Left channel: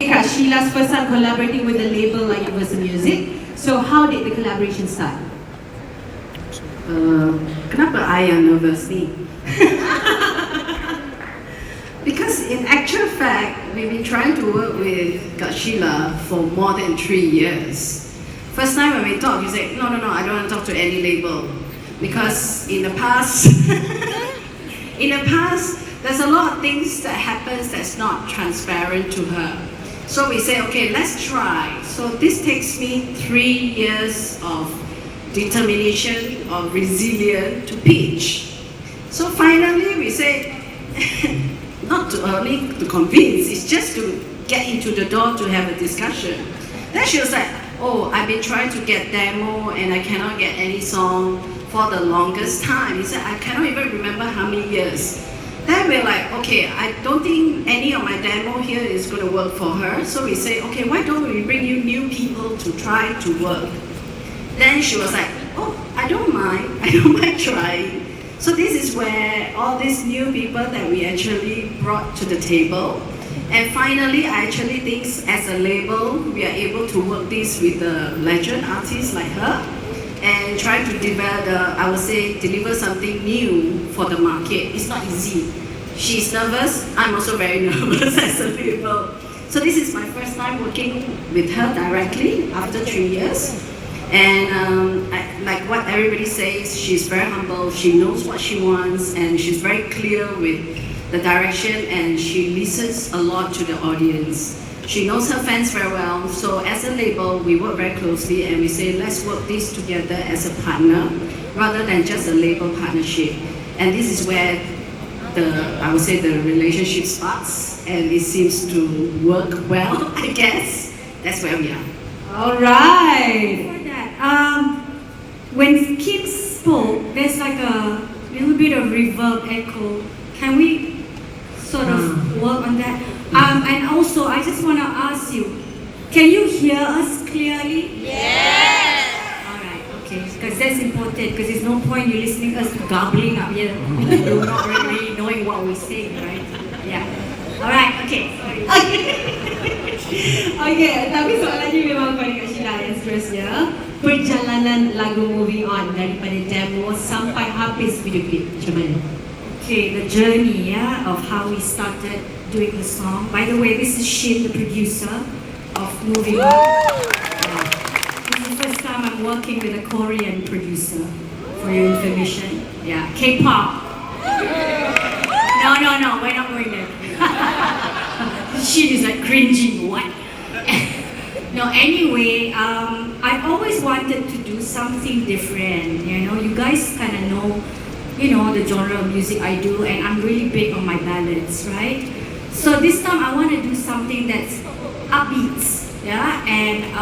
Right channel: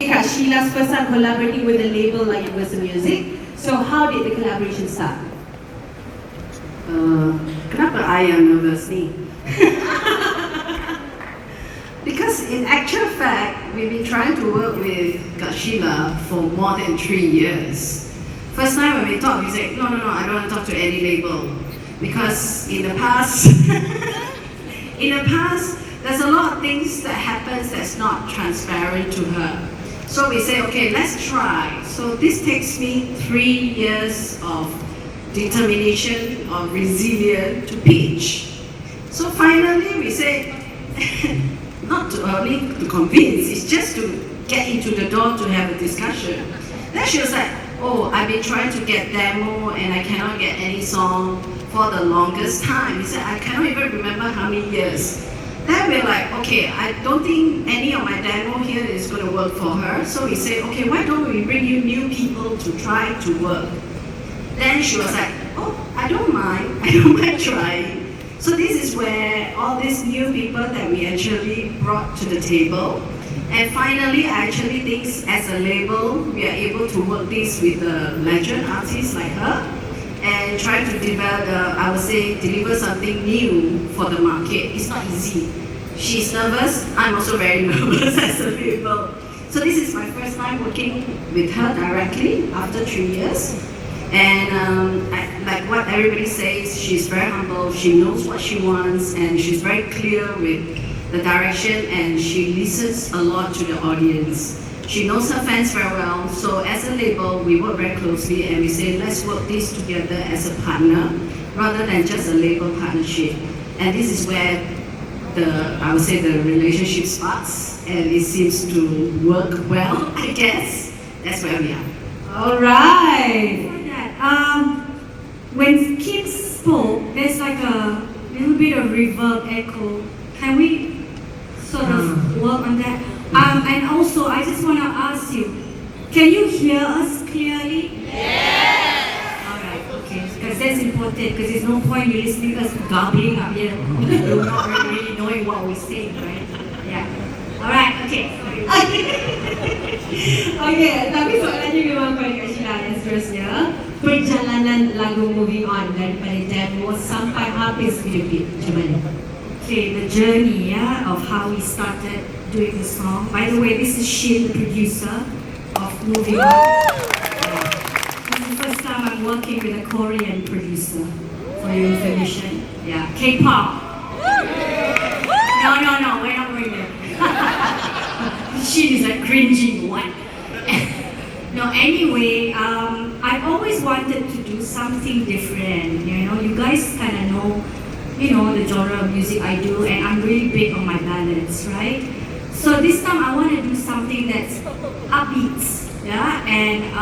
Sheila's first time collaborating with a label like Universal Music. So how did the collaboration start? Kenapa I am nervous ni? Because in actual fact, we've been trying to work with Sheila for more than 3 years. First time when we talked, we said, no, I don't want to talk to any label. Because in the past, there's a lot of things that happens that's not transparent to her. So we say, okay, let's try. So this takes me 3 years of determination, of resilience to pitch. So finally we say, not too early to convince, it's just to get into the door to have a discussion. Then she was like, oh, I've been trying to get demo and I cannot get any song for the longest time. He said, I cannot even remember how many years. Then we're like, okay, I don't think any of my demo here is going to work for her. So we say, okay, why don't we bring you new people to try to work? Then she was like, oh, I don't mind trying. So this is where all these new people that we actually brought to the table. And finally, I actually think as a label, we are able to work this with a legend artist like her and try to develop, I would say, deliver something new for the market. It's not easy. She's nervous, I'm also very nervous as a label. So this is my first time working with her directly after 3 years. And like what everybody says, she's very humble, she knows what she wants, and she's very clear with the direction, and she listens a lot to the audience. She knows her fans very well, so as a label, we work very closely and we say, let's work this together as a partner, rather than just a label partnership. And this is where I would say the relationship starts, and it seems to work well, I guess. That's where we are. All right. When Kim spoke, there's like a little bit of reverb echo. Can we sort of work on that? And also, I just want to ask you, can you hear us clearly? Yeah. All right, okay, because that's important, because there's no point you listening to us garbling up here. You're not really knowing what we're saying, right? Yeah. All right, okay. Okay, tapi soalannya memang pada Sheila yang seterusnya. Perjalanan lagu Moving On daripada demo sampai habis video klip, macam mana? Okay, the journey, of how we started doing the song. By the way, this is Sheila, the producer of Moving On. This is the first time I'm working with a Korean producer, for your information. Yeah, K-pop. No, we're not going there. She is like cringing, what? No, anyway, I've always wanted to do something different, you guys kind of know, the genre of music I do, and I'm really big on my ballads, right? So this time I want to do something that's upbeat, and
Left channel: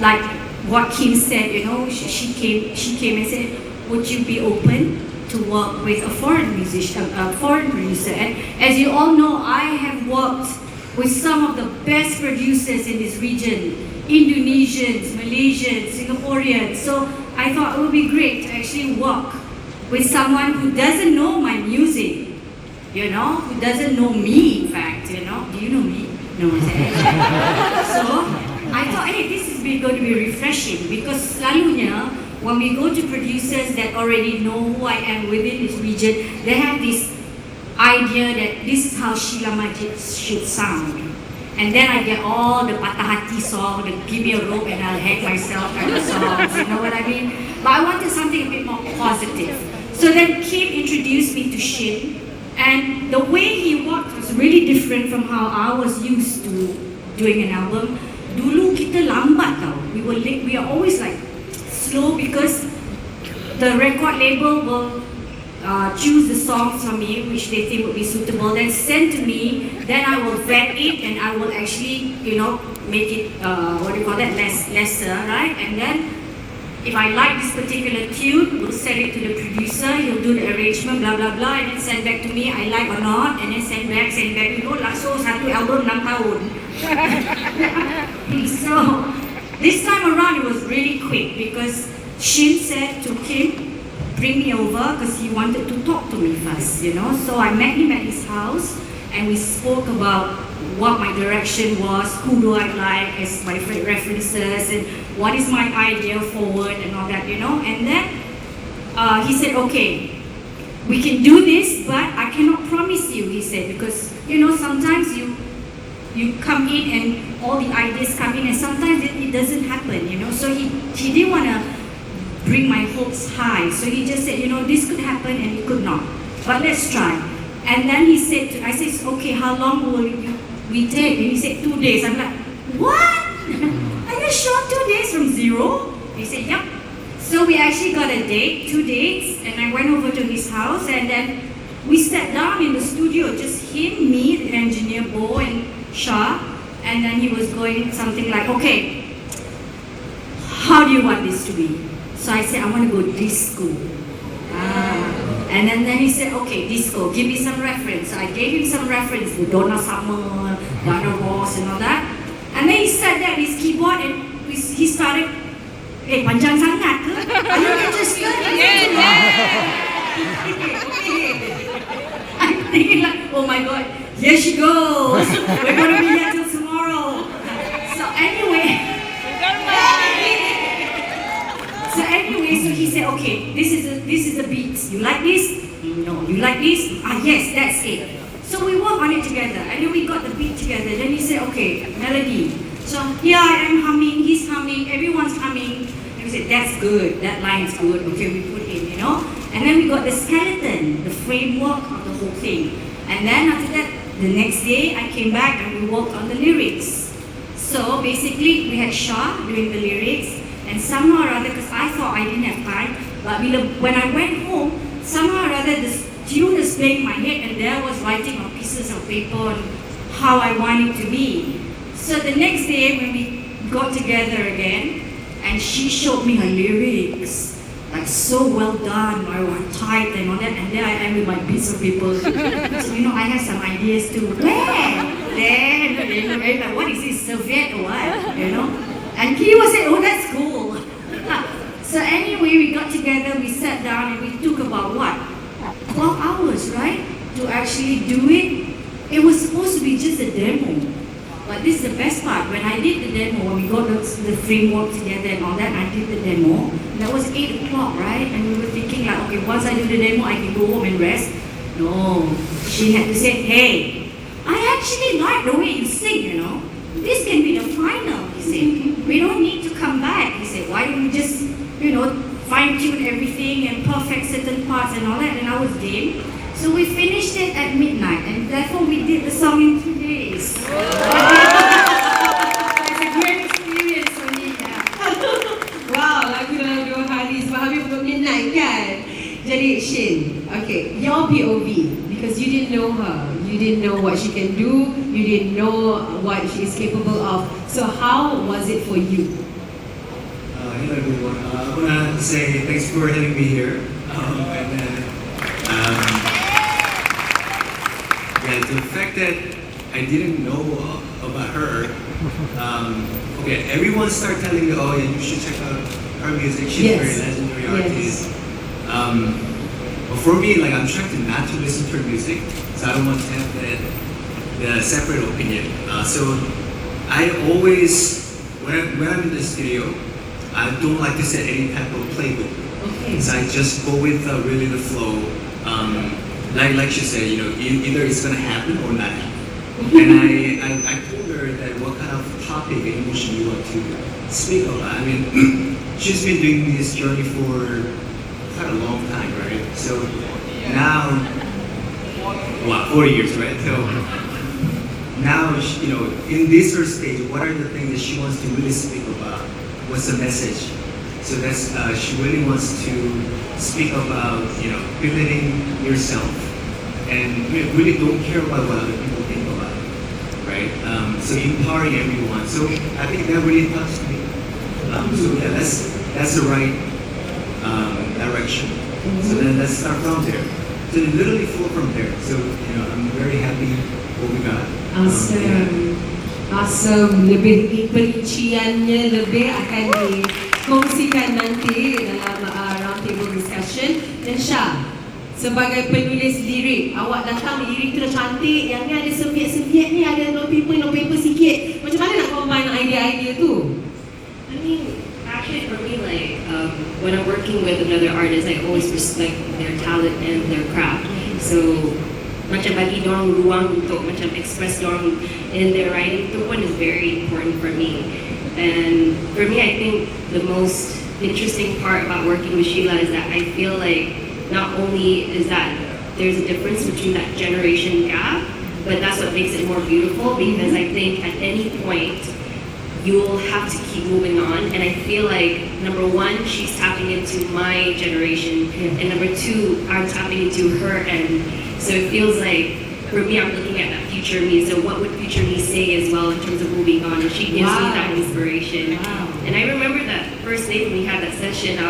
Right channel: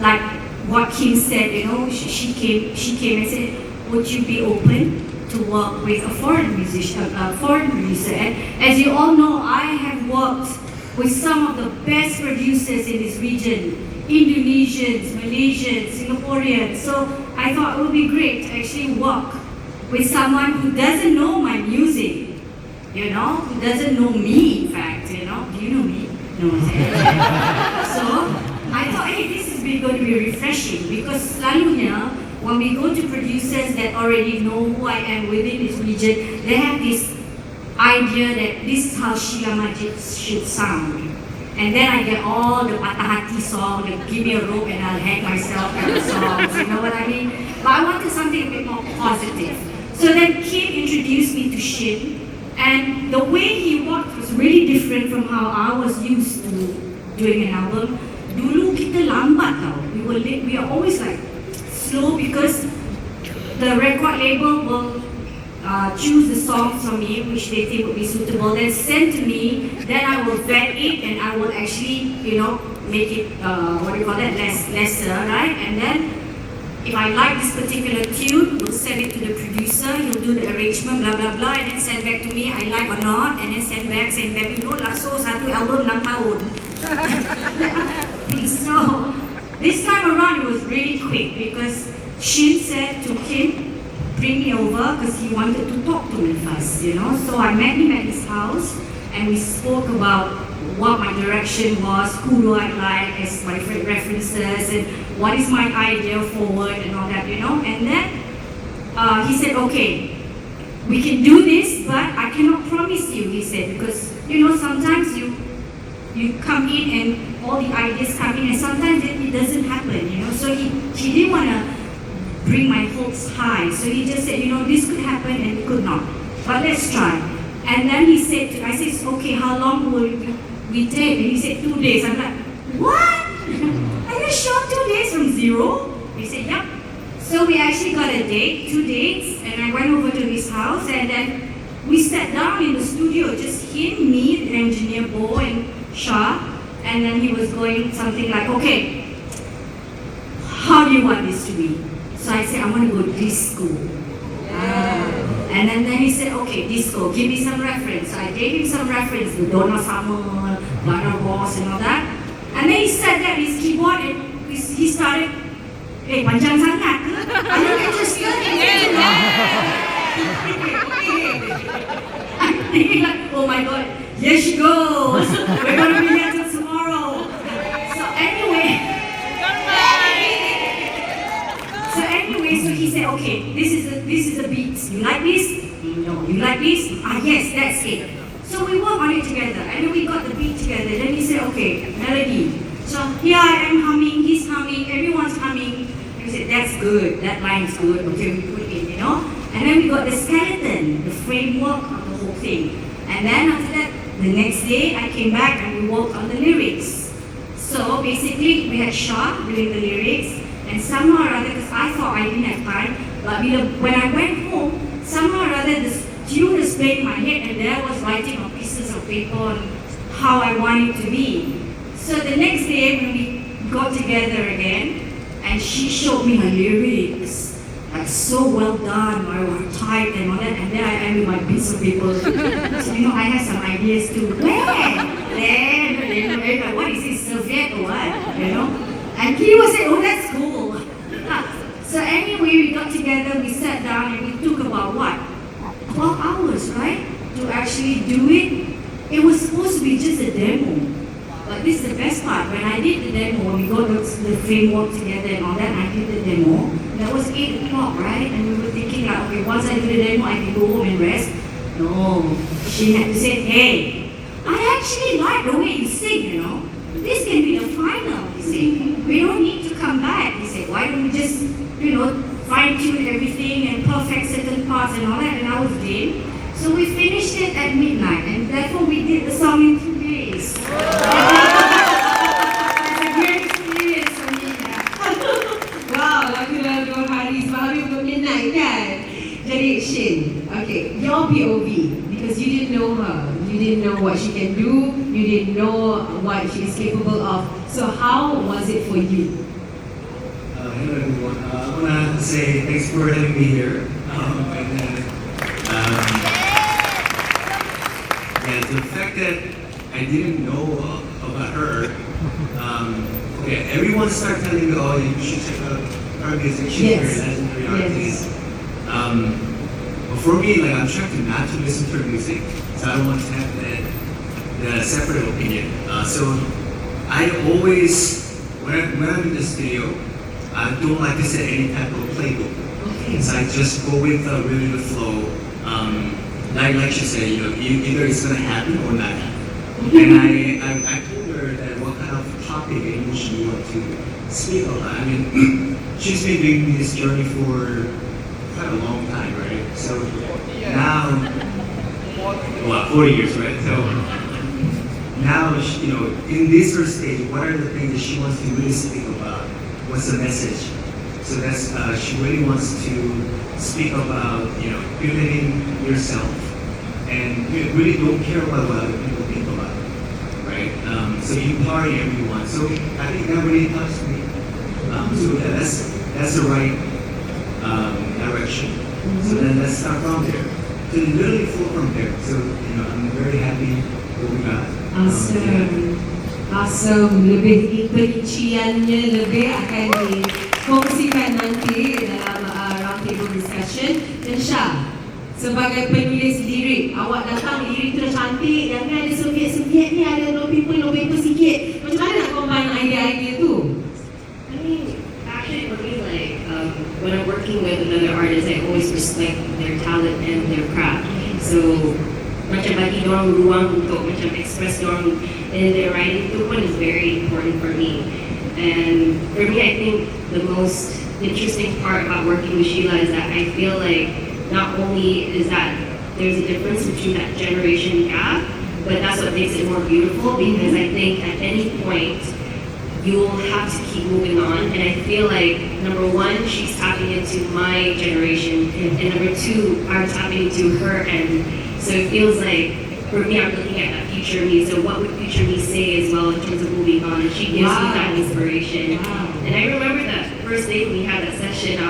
like what Kim said, she came and said, would you be open to work with a foreign musician, a foreign producer? And as you all know, I have worked with some of the best producers in this region, Indonesians, Malaysians, Singaporeans. So I thought it would be great to actually work with someone who doesn't know my music, who doesn't know me, in fact, do you know me? No. So I thought, hey, this is going to be refreshing, because selalunya, when we go to producers that already know who I am within this region, they have this idea that this is how Sheila Majid should sound. And then I get all the patah hati song, the give me a rope and I'll hang myself kind of songs, you know what I mean? But I wanted something a bit more positive. So then Kim introduced me to Shin, and the way he worked was really different from how I was used to doing an album. Dulu kita lambat tau. We are always like slow, because the record label will choose the songs for me which they think would be suitable, then send to me, then I will vet it and I will actually, make it, lesser, right? And then if I like this particular tune, we'll send it to the producer, he'll do the arrangement, blah, blah, blah, and then send back to me, I like or not, and then send back, so satu album 6 tahun. So, this time around it was really quick, because Shin said to Kim, bring me over, because he wanted to talk to me first, So I met him at his house, and we spoke about what my direction was, who do I like as my references, and what is my idea forward and all that, And then he said, okay, we can do this, but I cannot promise you, he said, because, sometimes you come in and all the ideas come in, and sometimes it doesn't happen, So he didn't want to bring my hopes high. So he just said, this could happen and it could not. But let's try. And then he said, I said, okay, how long will we take? And he said, 2 days. I'm like, what? Are you sure 2 days from zero? He said, yep. So we actually got a date, 2 dates, and I went over to his house, and then we sat down in the studio, just him, me, the engineer, Bo, and Shah, and then he was going something like, okay, how do you want this to be? So I said, I want to go disco. And then he said, okay, disco, give me some reference. So I gave him some reference, the Donna Summer, Ghana Wars, and all that. And then he sat there with his keyboard and he started, panjang sangat ke? And then he just I'm thinking like, oh my God, here she goes. We're going to be here till tomorrow. So anyway, so he said, okay, this is the beat. You like this? No. You like this? Yes, that's it. So we worked on it together, and then we got the beat together. Then he said, okay, melody. So here I am humming, he's humming, everyone's humming. And we said, that's good, that line's good. Okay, we put in, And then we got the skeleton, the framework of the whole thing. And then after that, the next day, I came back and we worked on the lyrics. So basically, we had Shah doing the lyrics, and somehow or other, because I thought I didn't have time, but when I went home, somehow or other, the tune was playing in my head, and there I was writing on pieces of paper on how I want it to be. So the next day, when we got together again, and she showed me her lyrics, like so well done, I typed and all that, and then I am with my piece of paper. So I have some ideas too. Then, what is this, Soviet or what? And he was saying, oh, that's cool. So anyway, we got together, we sat down, and we took about what? 12 hours, right? To actually do it. It was supposed to be just a demo. But this is the best part. When I did the demo, we got the framework together and all that, and I did the demo. That was 8 o'clock, right? And we were thinking like, okay, once I do the demo, I can go home and rest. No. She had to say, hey, I actually like the way you sing, This can be the final, he said. We don't need to come back, he said. Why don't we just, fine-tune everything and perfect certain parts and all that, and I was game. So we finished it at midnight, and therefore we did the song in 2 days. It's a great experience for me. Wow, lagu dalam 2 hari sebab habis untuk midnight kan? Jadi Shin, okay, your POV, because you didn't know her, you didn't know what she can do, you didn't know what she is capable of. So how was it for you? Hello everyone. I want to say thanks for having me here. And the fact that I didn't know about her, everyone started telling me, oh, you should check out her music. She's very legendary artist. But for me, I'm trying to not to listen to her music, so I don't want to have the separate opinion. So I always, when I'm in the studio, I don't like to set any type of playbook. So I just go with really the flow. Like she said, either it's gonna happen or not happen. And I told her that what kind of topic and emotion you want to speak about. I mean, she's been doing this journey for quite a long time, right? So now, 40 years, right? So now, in this first stage, what are the things that she wants to really speak about? What's the message? So that's she really wants to speak about pivoting yourself and really don't care about what other people think about it, right? So empowering everyone. So I think that really touched me. So yeah, that's the right direction. So then let's start from there. So literally flow from there. So I'm very happy what we got. Awesome. Lebih perinciannya lebih akan dikongsikan nanti dalam roundtable discussion. Dan Syah, sebagai penulis lirik, awak datang lirik tu dah cantik, yang ni ada Soviet ni, ada wallpaper macam bagi dorang ruang untuk macam express dorang in their writing. Itu pun is very important for me. And for me, I think the most interesting part about working with Sheila is that I feel like not only is that there's a difference between that generation gap, but that's what makes it more beautiful, because I think at any point you'll have to keep moving on. And I feel like number one, she's tapping into my generation, and number two, I'm tapping into her end. So it feels like for me, I'm looking at that future me. So what would future me say as well in terms of moving on? And she gives me that inspiration. And I remember that first day when we had that session,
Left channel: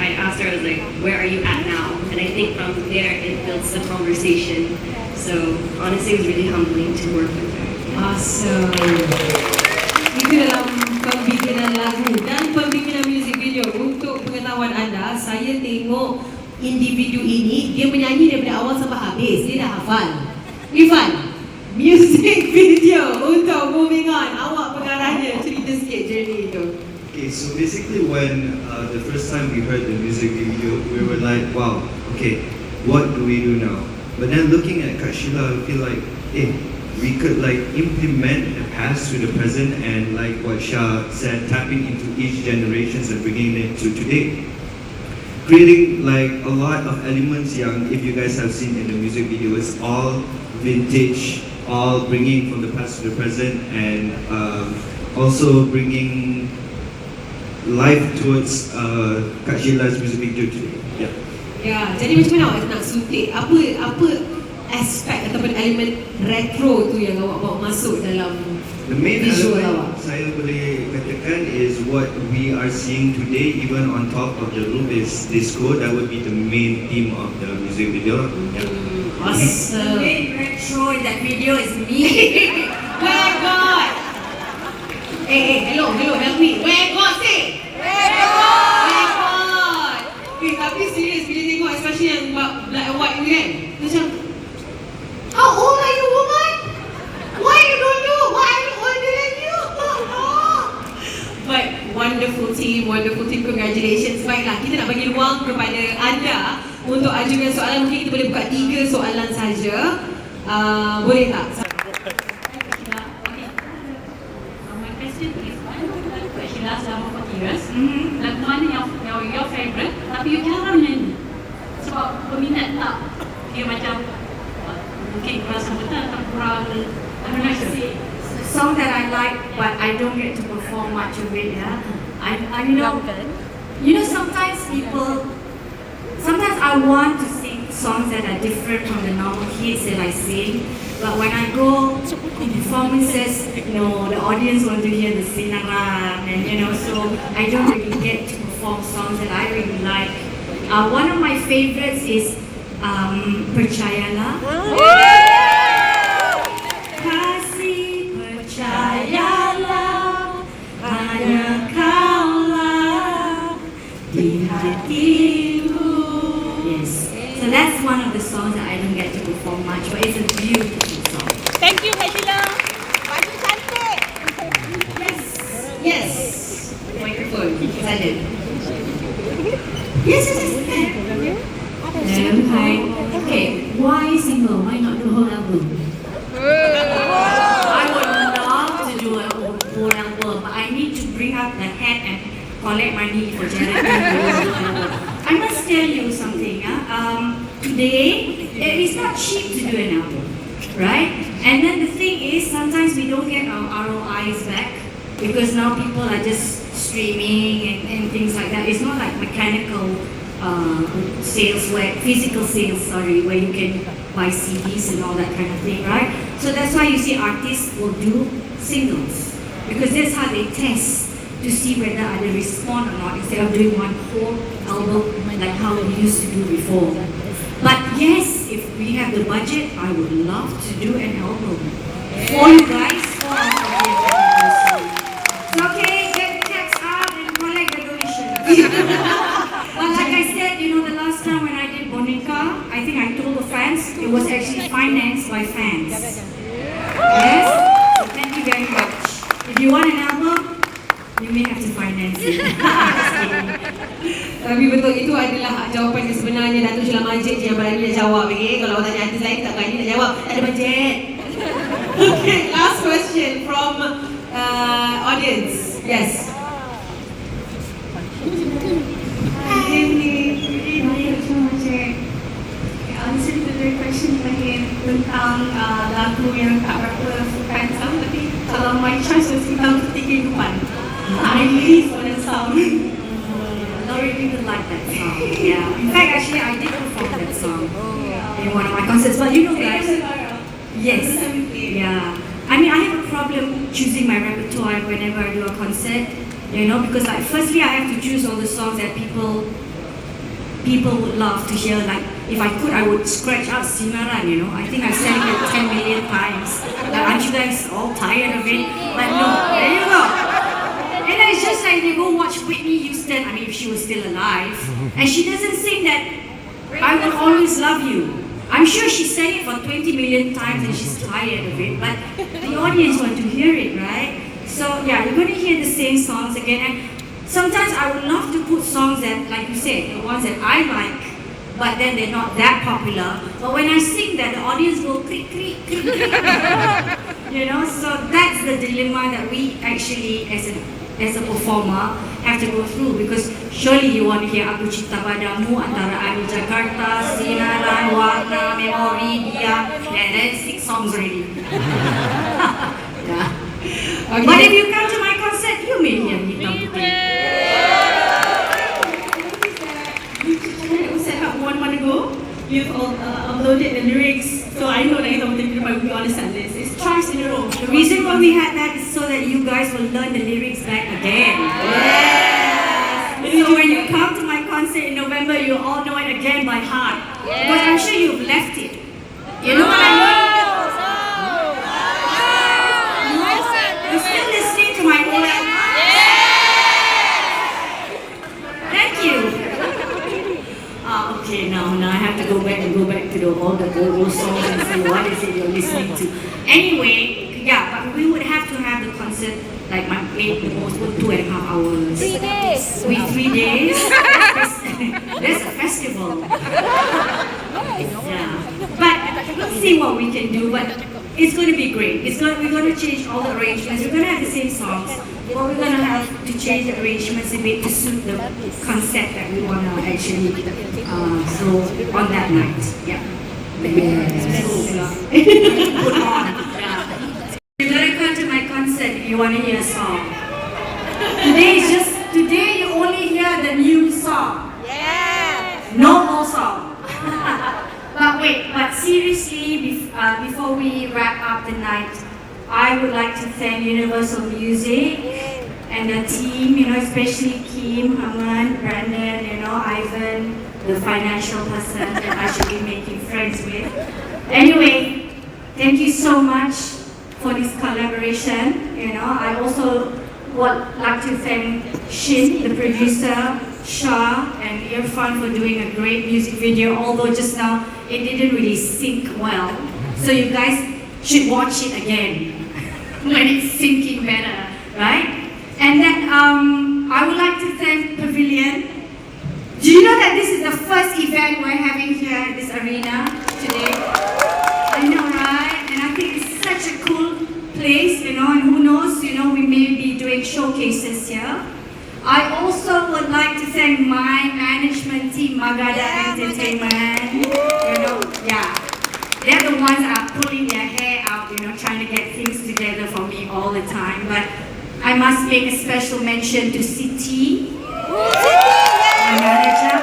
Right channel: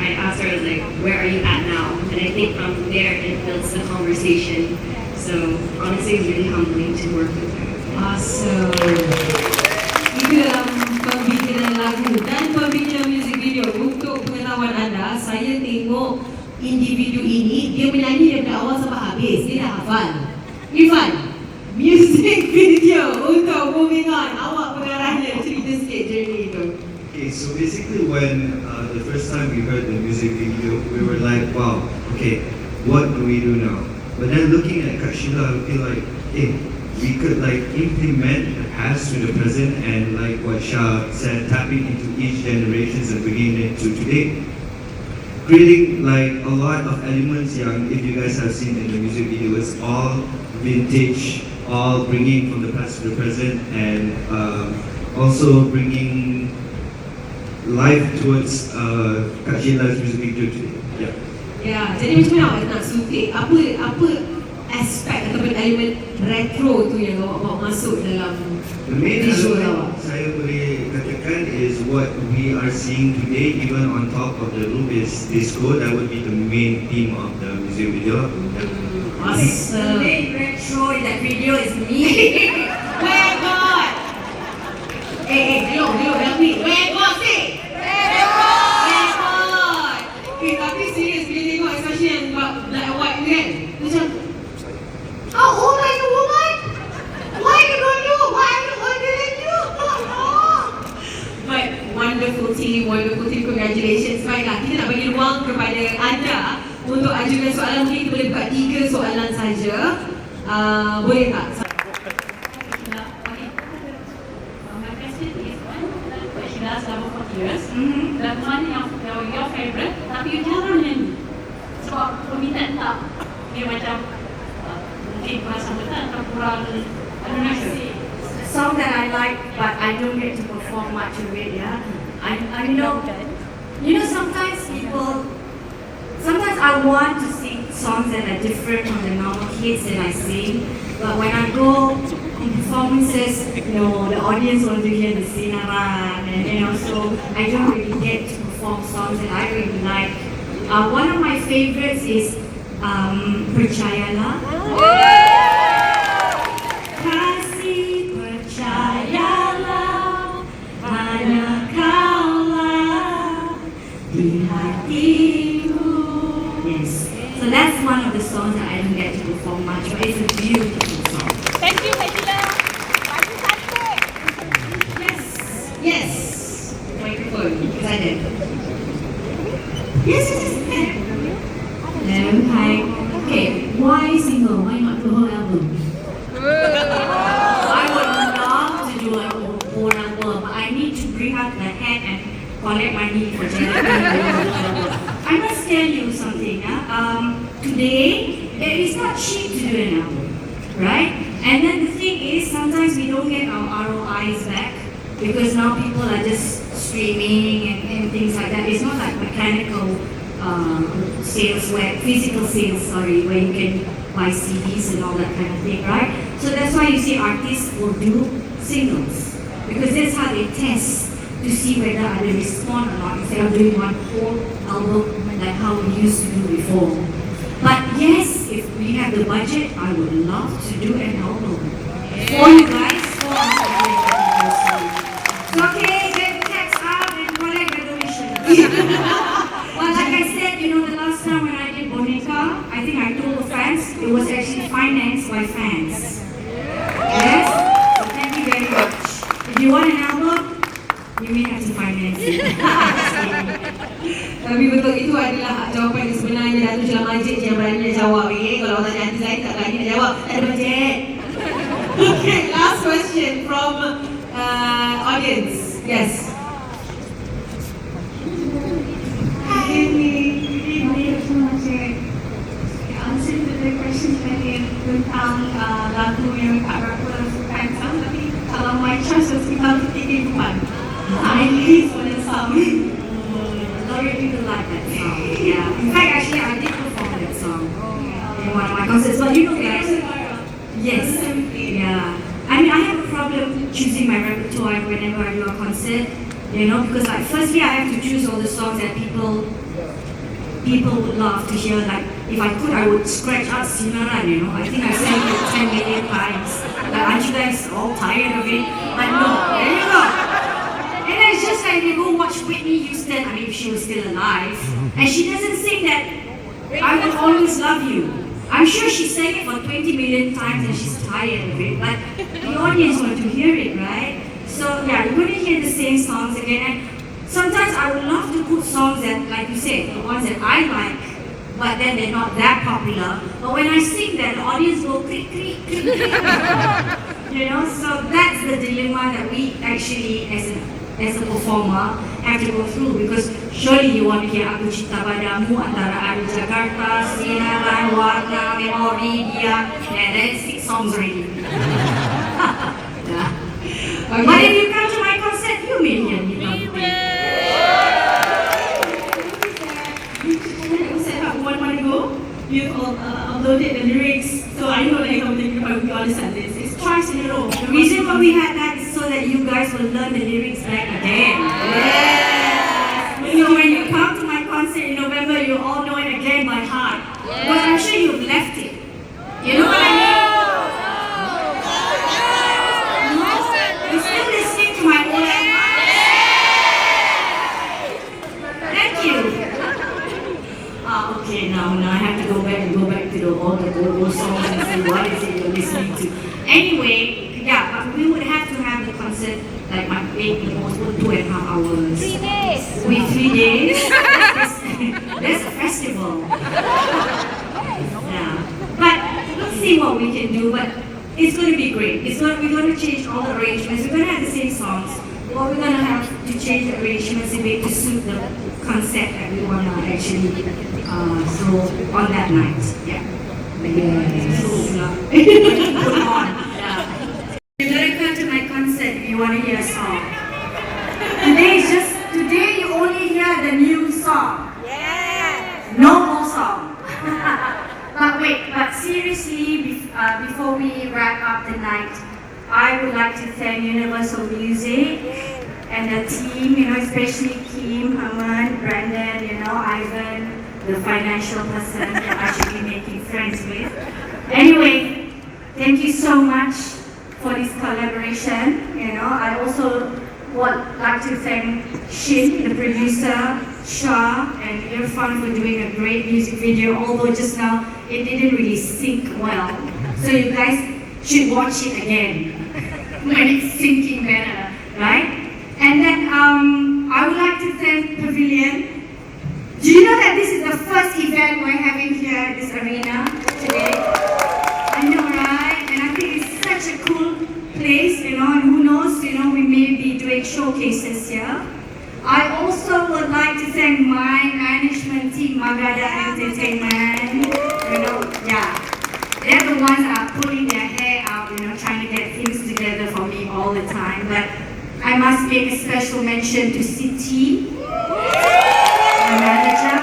I asked her, I was like, where are you at now? And I think from there it builds the conversation. So honestly, it was really humbling to work with her. Awesome. Itu dalam pembikinan lagu dan pembikinan music video. Untuk pengetahuan anda, saya tengok individu ini, dia menyanyi daripada awal sampai habis. Dia dah hafal. Irfan, music video untuk Moving On. Awak pengarahnya, cerita sikit journey itu. Okay, so basically when the first time we heard the music video, we were like, wow, okay, what do we do now? But then looking at Kak Sheila, I feel like, we could like implement the past to the present, and like what Shah said, tapping into each generations and bringing it to today. Creating like a lot of elements yang, if you guys have seen in the music video, it's all vintage, all bringing from the past to the present, and also bringing life towards Kak Sheila's music video today. Yeah. Ya, jadi macam mana awak nak suntik? Apa aspek ataupun elemen retro tu yang awak bawa masuk dalam The main visual awak? element saya boleh katakan is what we are seeing today, even on top of the roof is disco. That would be the main theme of the music video. Yeah. Awesome. The main retro in that video is me. Where God? Hello, help me. Where God say? Where God? Tapi serius bila tengok, especially yang black and white ni kan, macam, how old are you, woman? Why you don't know? Why are you older than you? But wonderful team, congratulations. Baiklah, kita nak bagi ruang kepada anda untuk ajukan soalan. Mungkin kita boleh buka 3 soalan saja. Boleh tak? My question is, why do you like Sheila selama 40 years? Lagu mana yang your favourite, tapi you jarang nyanyi? Sebab peminat tak? Dia macam mungkin kurang sambutan atau kurang The song that I like, but I don't get to perform much of it. Yeah, you know, sometimes I want to sing songs that are different from the normal hits that I sing, but when I go in performances, no, the audience want to hear the sinaran, and so I don't really get to perform songs that I really like. One of my favorites is Percayalah. Kasih percayalah, hanya kaulah di hatiku. Yes, so that's one of the songs that I don't get to perform much, but it's a beautiful song. Thank you, Sheila. Yes. Microphone. Excited. Yes. Hi. Okay, why single? Why not the whole album? I would love to do a whole album, but I need to bring up the head and collect money for charity. I must tell you something. Today, it's not cheap to do an album, right? And then the thing is, sometimes we don't get our ROIs back because now people are just streaming and things like that. It's not like mechanical sales, where physical sales, where you can buy CDs and all that kind of thing, right? So that's why you see artists will do singles, because that's how they test to see whether they respond or not, instead of doing one whole album like how we used to do before. But yes, if we have the budget, I would love to do an album for you guys for our 40th anniversary. Okay, get the text out and collect the donation. But like I said, the last time when I did Boneka, I think I told the fans it was actually financed by fans. Yes? So thank you very much. If you want an album, you may have to finance it. Tapi betul itu adalah jawapan yang sebenarnya. Datuk Sheila Majid je yang berani nak jawab. Okay? Kalau tanya hati saya tak berani nak jawab. Tak ada bajet. Okay, last question from audience. Yes. Answer to the question tadi tentang lagu yang tak berapa suka sang, tapi kalau my choice was tentang kehidupan. I live for that song. A lot of people like that song. Yeah. In fact, actually, I did perform that song in one of my concerts. But you know, guys, yes, yeah. I mean, I have a problem choosing my repertoire whenever I do a concert. You know, because like, firstly, I have to choose all the songs that people would love to hear. Like, if I could, I would scratch out Sinaran, you know. I think I've sang it 10 million times. Like, aren't you guys all tired of it? Like, no, there you go. And then it's just like, you go watch Whitney Houston, I mean, if she was still alive, and she doesn't sing that, I will always love you. I'm sure she sang it for 20 million times and she's tired of it, but the audience want to hear it, right? So, yeah, we're going to hear the same songs again. And sometimes I would love to put songs that, like you said, the ones that I like, but then they're not that popular. But when I sing that, the audience go click, click, click, click. You know, so that's the dilemma that we actually, as a performer, have to go through. Because surely you want to hear Aku Cinta Padamu, Antara Adi Jakarta, Sinaran, Warna, Memori, Dia, and that's 6 songs already. Yeah. Okay. But if you come to my concert, you may hear me. We've uploaded the lyrics, so I know that it's something about we understand this. It's twice in a row. The reason why we had that is so that you guys will learn the lyrics back again. Yes. So when you come to my concert in November, you'll all know it again by heart. But I'm sure you've left it. You know what I mean? You're still listening to my mula. Thank you. Okay, now I have to go back to all the old songs and see what is it you're listening to. Anyway, yeah, but we would have to have the concert like maybe the most 2.5 hours. 3 days. With 3 days. There's a festival. Yeah, but let's see what we can do. But it's going to be great. We're going to change all the arrangements. We're going to have the same songs. But we're going to have to change the arrangements a bit to suit the concept that we want to actually throw on that night. Yeah. You're going to come to my concert if you want to hear a song. Today you only hear the new song. Yeah. No old song. But seriously, before we wrap up the night, I would like to thank Universal Music and the team, you know, especially Kim, Haman, Brandon, Ivan, the financial person that I should be making friends with. Anyway, thank you so much for this collaboration. I also would like to thank Shin, the producer, Shah, and Irfan for doing a great music video, although just now it didn't really sync well. So you guys should watch it again when it's syncing better, right? And then I would like to thank Pavilion. Do you know that this is the first event we're having here at this arena today? I know, right? And I think it's such a cool place, and who knows, we may be doing showcases here. I also would like to thank my management team, Magada Entertainment. They're the ones that are pulling their hair out, trying to get things together for me all the time. But I must make a special mention to Siti, my manager,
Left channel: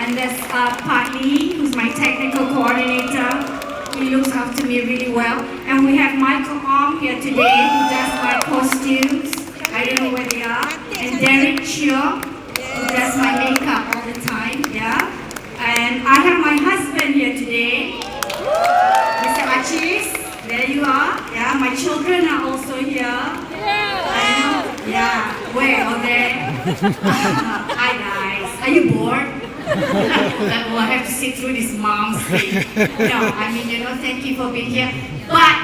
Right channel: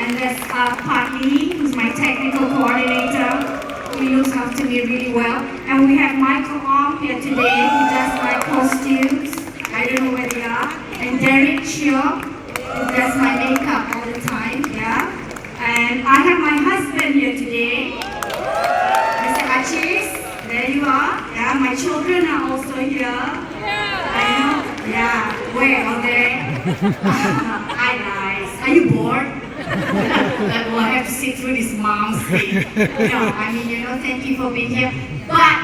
and there's Patni, who's my technical coordinator. He looks after me really well. And we have Michael Ong here today, who does my costumes. I don't know where they are. And Derek Chio, who does my makeup all the time, And I have my husband here today, Mr. Achis. There you are. My children are also here. Where? Over there? Hi guys. Are you bored? Well, I have to sit through this mom's thing. Thank you for being here. But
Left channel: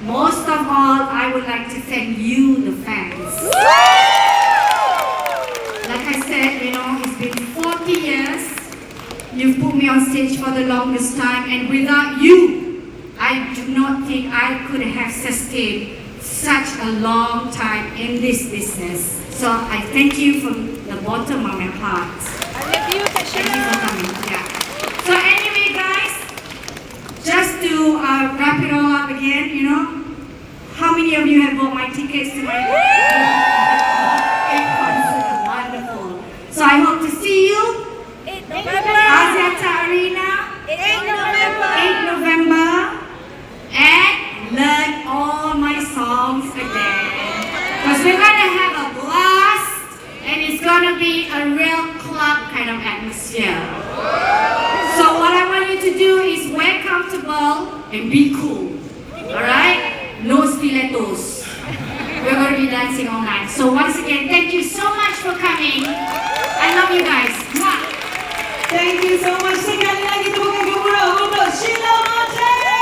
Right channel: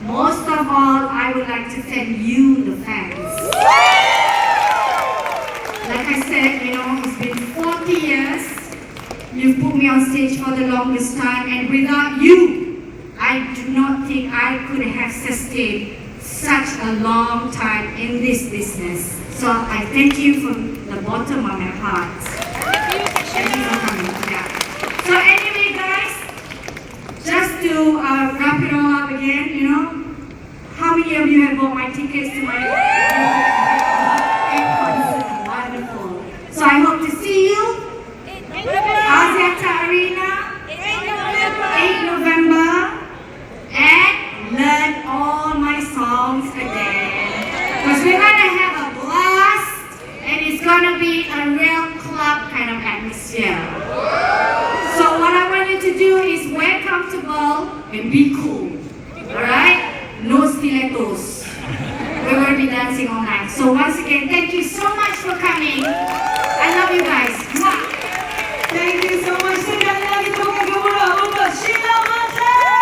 most of all, I would like to thank you, the fans. Like I said, it's been You put me on stage for the longest time, and without you, I do not think I could have sustained such a long time in this business. So I thank you from the bottom of my heart. Thank you for coming. Yeah. So anyway, guys, just to wrap it all up again, you know, how many of you have bought my tickets to my concert? Wonderful. So I hope to see you. Aziata Arena, 8 November, and learn all my songs again. Because we're going to have a blast, and it's going to be a real club kind of atmosphere. So what I want you to do is wear comfortable and be cool. Alright? No stilettos. We're going to be dancing all night. So once again, thank you so much for coming. I love you guys. Mwah. Thank you so much. Sekali lagi tepuk gemuruh untuk Sheila Majid.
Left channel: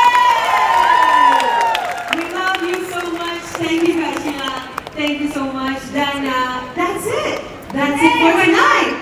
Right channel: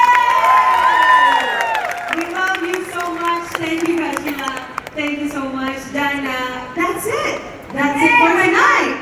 We love you so much. Thank you, Kak Sheila. Thank you so much. Dan that's it. That's it for tonight.